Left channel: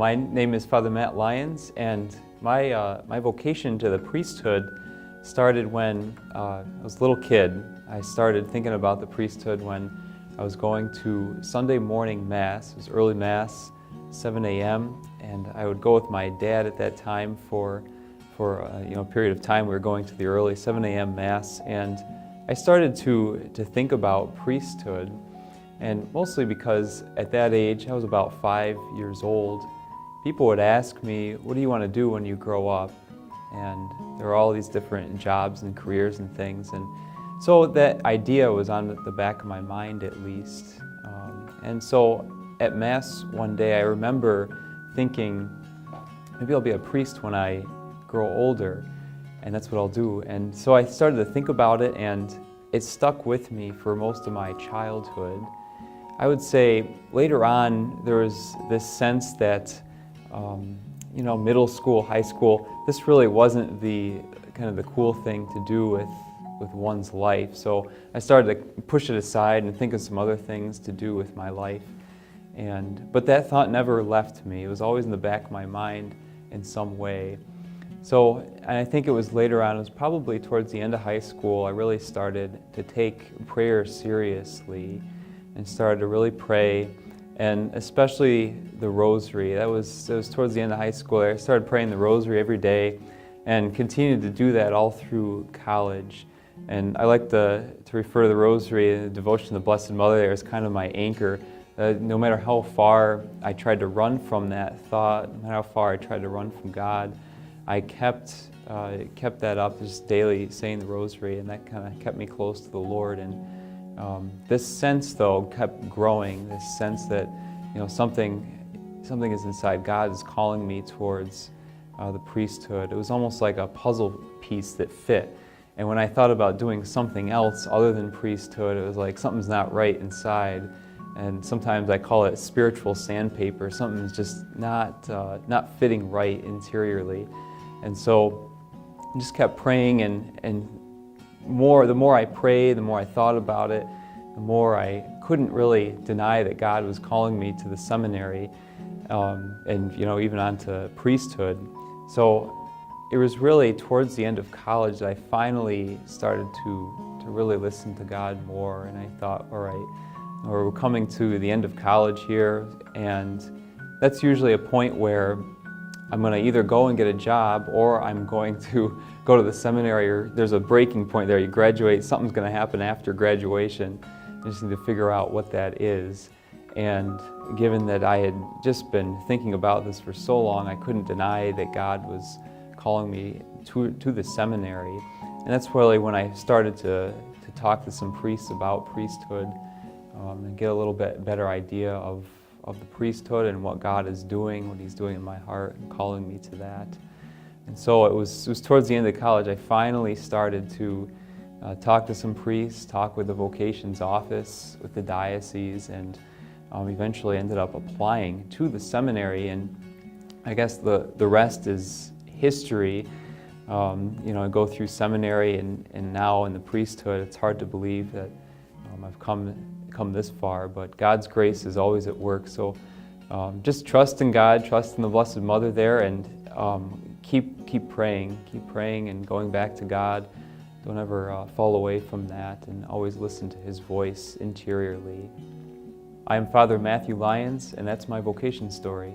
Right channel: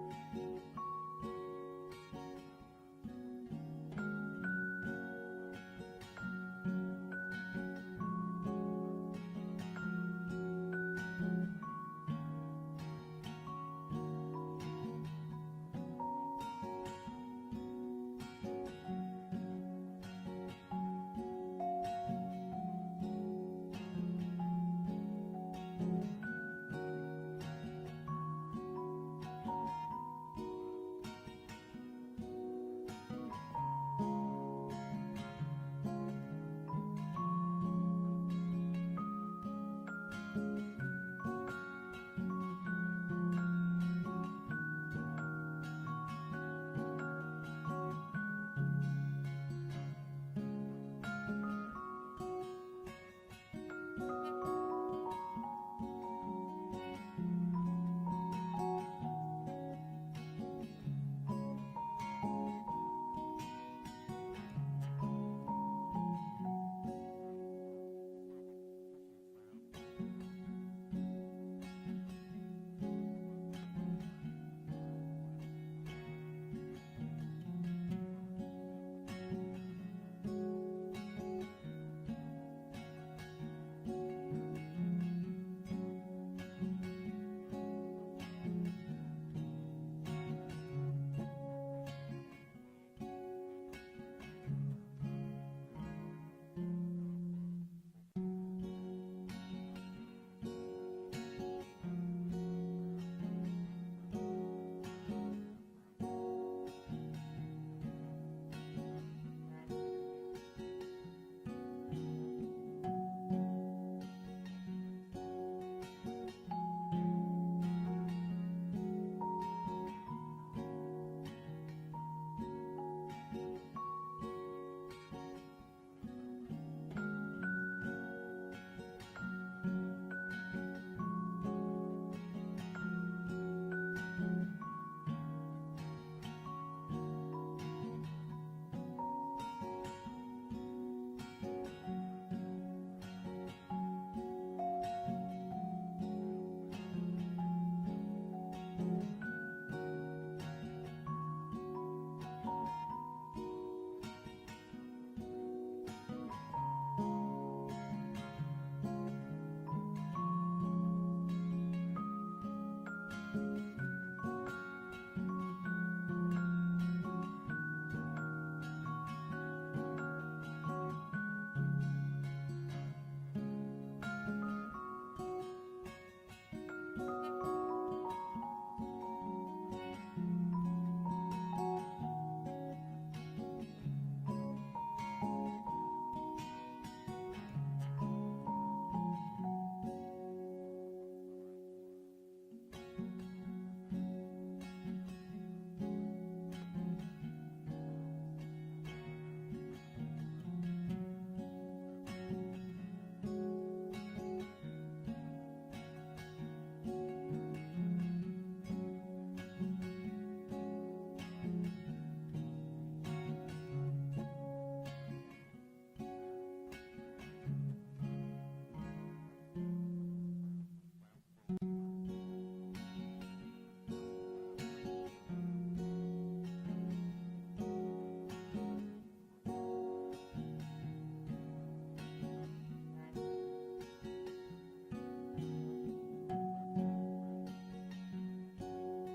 My name is Father Matt Lyons, and my vocation to the priesthood started when I was a little kid. I started thinking about the priesthood when I was going to Sunday morning Mass. It was early Mass, 7 a.m., and I would go with my dad at that time for a period of time. We were going to the early 7 a.m. Mass, and I started to think about priesthood, and mostly because at that age, I was about 5 years old, people would ask me, what do you want to do when you grow up? And there were all these different jobs and careers and things, and so that idea was on the back of my mind at least. And so at Mass one day, I remember thinking, maybe I'll be a priest when I grow older, and that's what I'll do. And so I started to think about it, and it stuck with me for most of my childhood. I would say later on, there was this sense that, middle school, high school, this really wasn't the cool thing to do with one's life. So I started to push it aside and think of some other things to do with my life. But that thought never left me. It was always in the back of my mind in some way. So, and I think it was later on, it was probably towards the end of high school, I really started to take prayer seriously and started to really pray, and especially the rosary. It was towards the end of high school. I started praying the rosary every day and continued to do that all through college. And I like to refer to the rosary and the devotion to the Blessed Mother there as kind of my anchor. No matter how far I tried to run from that thought, no matter how far I tried to run from God, I kept that up, just daily saying the rosary, and that kind of kept me close to the Lord. And this sense, though, kept growing. This sense that something is inside. God is calling me towards the priesthood. It was almost like a puzzle piece that fit. And when I thought about doing something else other than priesthood, it was like something's not right inside. And sometimes I call it spiritual sandpaper. Something's just not fitting right interiorly. And so I just kept praying, and the more I prayed, the more I thought about it, the more I couldn't really deny that God was calling me to the seminary, and even on to priesthood. So it was really towards the end of college that I finally started to really listen to God more, and I thought, all right, we're coming to the end of college here, and that's usually a point where I'm going to either go and get a job, or I'm going to go to the seminary, or there's a breaking point there. You graduate, something's going to happen after graduation. You just need to figure out what that is. And given that I had just been thinking about this for so long, I couldn't deny that God was calling me to the seminary. And that's really when I started to talk to some priests about priesthood, and get a little bit better idea of the priesthood and what God is doing, what He's doing in my heart, calling me to that. And so it was towards the end of college I finally started to talk to some priests, talk with the vocations office, with the diocese, and eventually ended up applying to the seminary. And I guess the rest is history. I go through seminary and now in the priesthood. It's hard to believe that I've come this far, but God's grace is always at work. So just trust in God, trust in the Blessed Mother there, and keep praying and going back to God. Don't ever fall away from that, and always listen to His voice interiorly. I am Father Matthew Lyons, and that's my vocation story.